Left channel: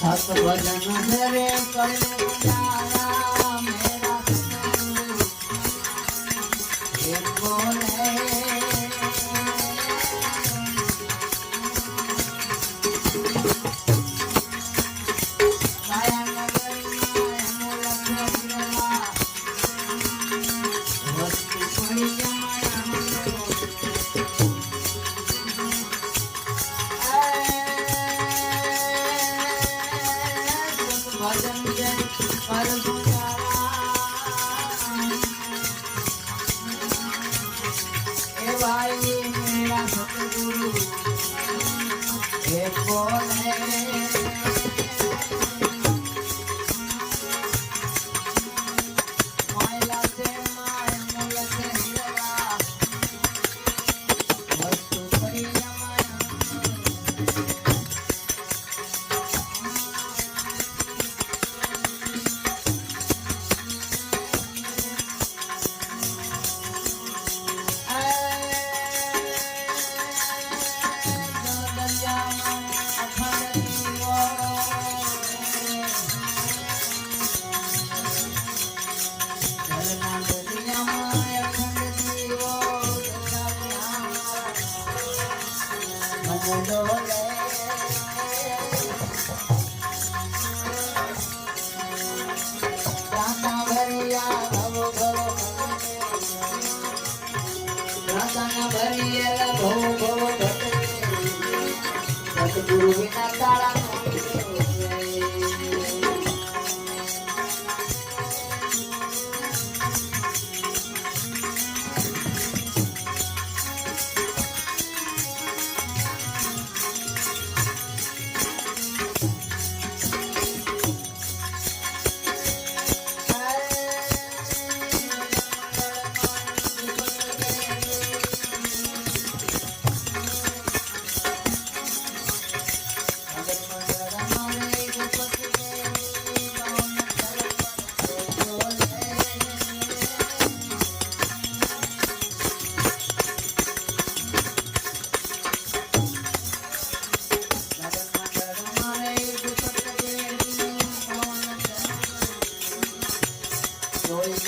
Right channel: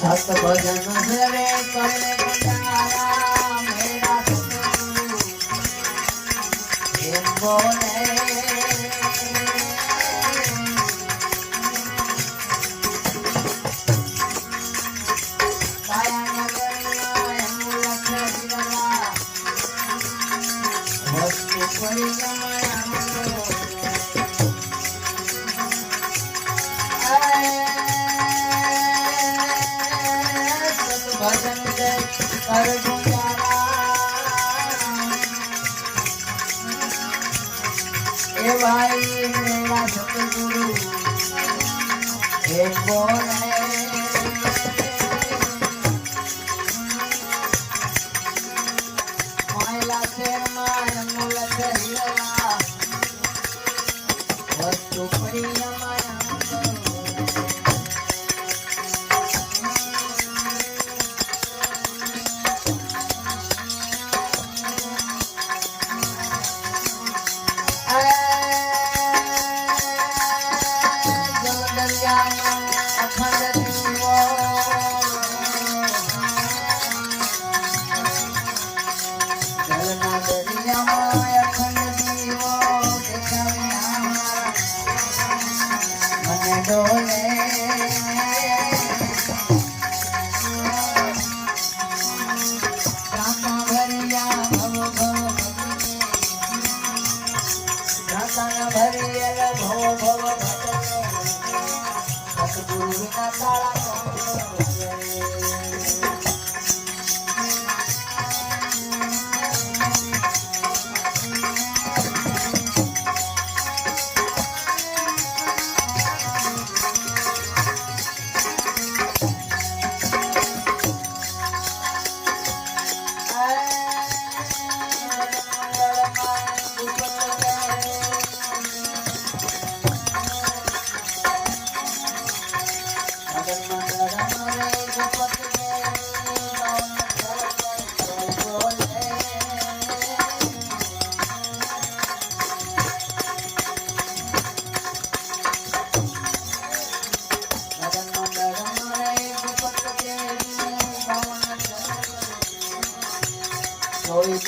સત ભજન રે કરે મેરા બોલે એ બોલે સતગુરુ ભવ ભવ ભવ ભવ ભવ ભવ ભવ ભવ ભવ ભવ સુરત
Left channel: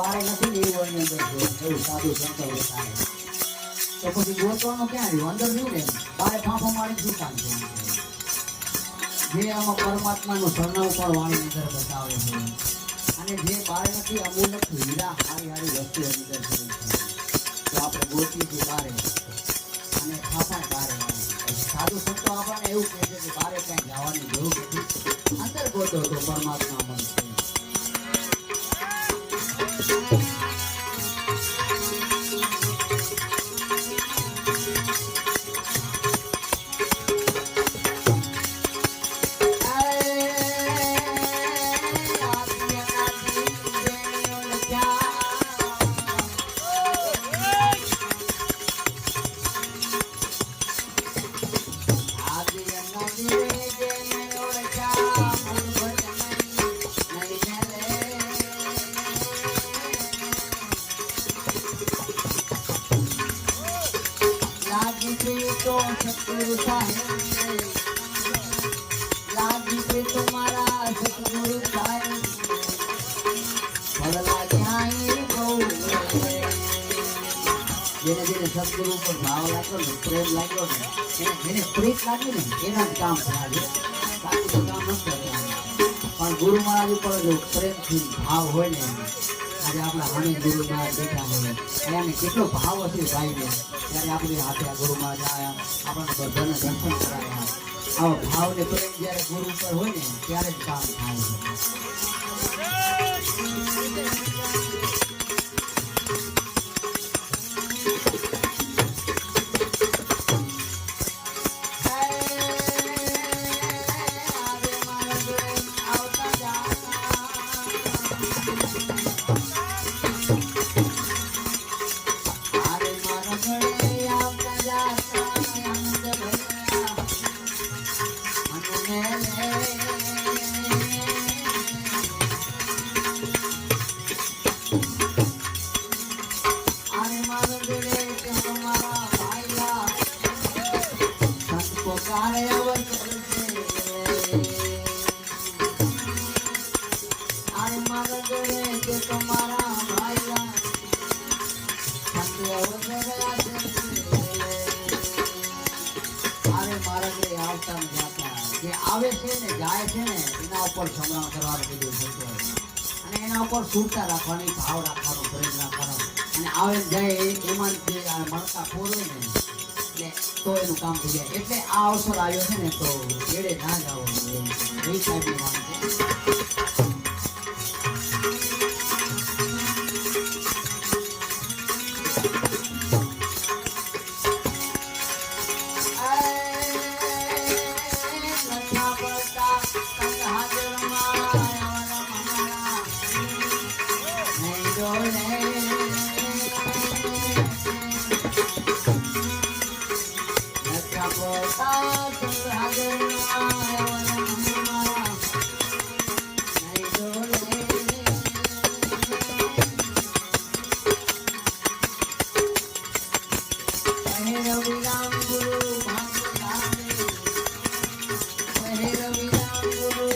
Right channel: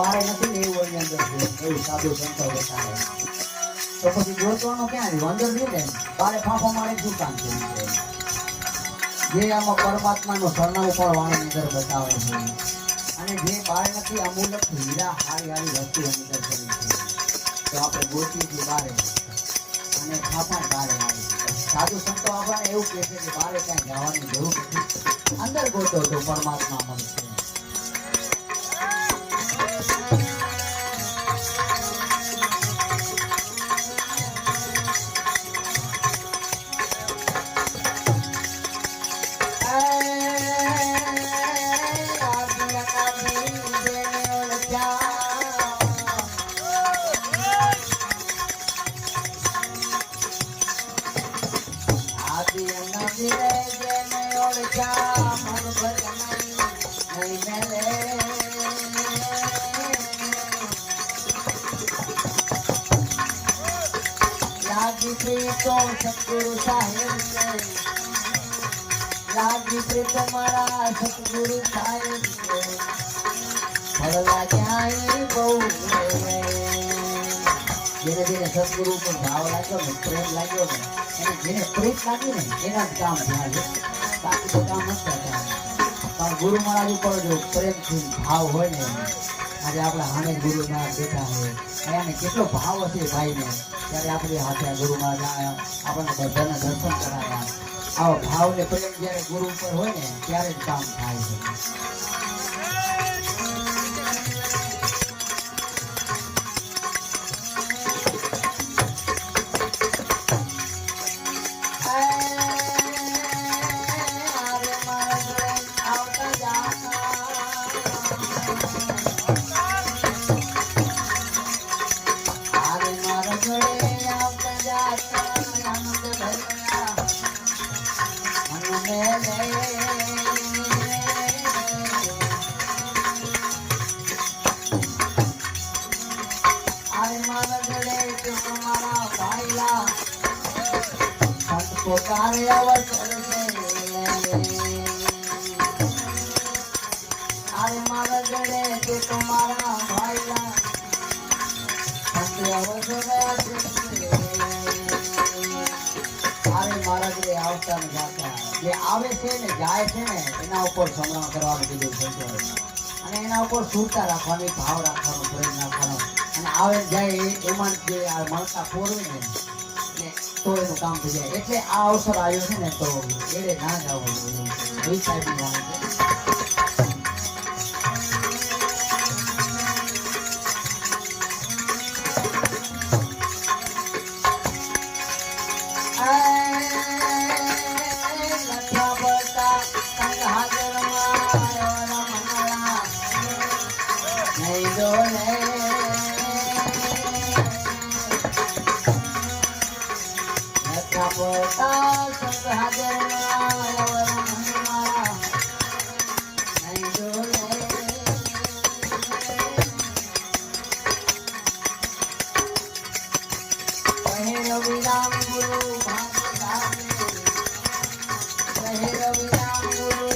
બહાર નથી એવું એની અંદર. એવું સાધુ સંતો બતાવે તો પછી જોતવાનું ક્યાં આવ્યું અંદર રહ્યું ને બારે ફાંફો મારી શું કામ છે. જે આમાં પરમાત્માનું સરનામું પણ વાણી અંદર બતાવે છે અને જે બહાર નથી અમૂલક હીરા હારી હારી વસ્તુ અંદર કરી છે તો આપણે ગોતી છીએ બારે અને ખાતા બારે આવી સાધુ સંતો આપણને એવું કહે છે કે બારે કાંઈ જવાની જરૂર નથી અંદર ગોતો તો પરમાત્મા મળશે સતગુરુ સાહેબ લાગી તમારા સતગુરુ સાહેબ મળવા ક્યાંય બહુ જેને જેને સદગુરુ ઉપર ભાવ લાગ્યો ને પ્રેમ લાગ્યો ને, એને જેને પ્રીત લાગ્યું ને એના જ કામ થાય. તો કામ નથી થતા પણ ગુરુ મહારાજ ઉપર પ્રેમથી ભાવ હોય ને આજે આપણા સામે ગુરુ મહારાજ બેઠા હોય. અને આને કેટલો ભાવ હશે ભાઈને? ત્યારે આપણી હાથે આ ગુરુ મહારાજ આપણને બધાને દર્શન કરાવ્યા આવા ભાવ ને પ્રેમ જ્યારે ગુરુ ઉપર હોય ને, ત્યારે જ કામ થાય છે. જે આવે છે ને જાય છે ને, એના ઉપર સંગ્રહ કરવાનું કીધું છે. અને એના ઉપર સુરતા રાખવાની, ભાવ રાખવાનો પ્રેમ રાખવાનો અને આવે જાય એમાં જે મળતા ફોરવે ને એટલે તો એનું કામ થઈ જાય એટલે આ અવસર આવ્યો છે ને તો એડે ના જાવ બે સાઈડની વાત રવિ રામ ગુરુ ભાંગ ધામે કહે રવિ રામ ગુરુ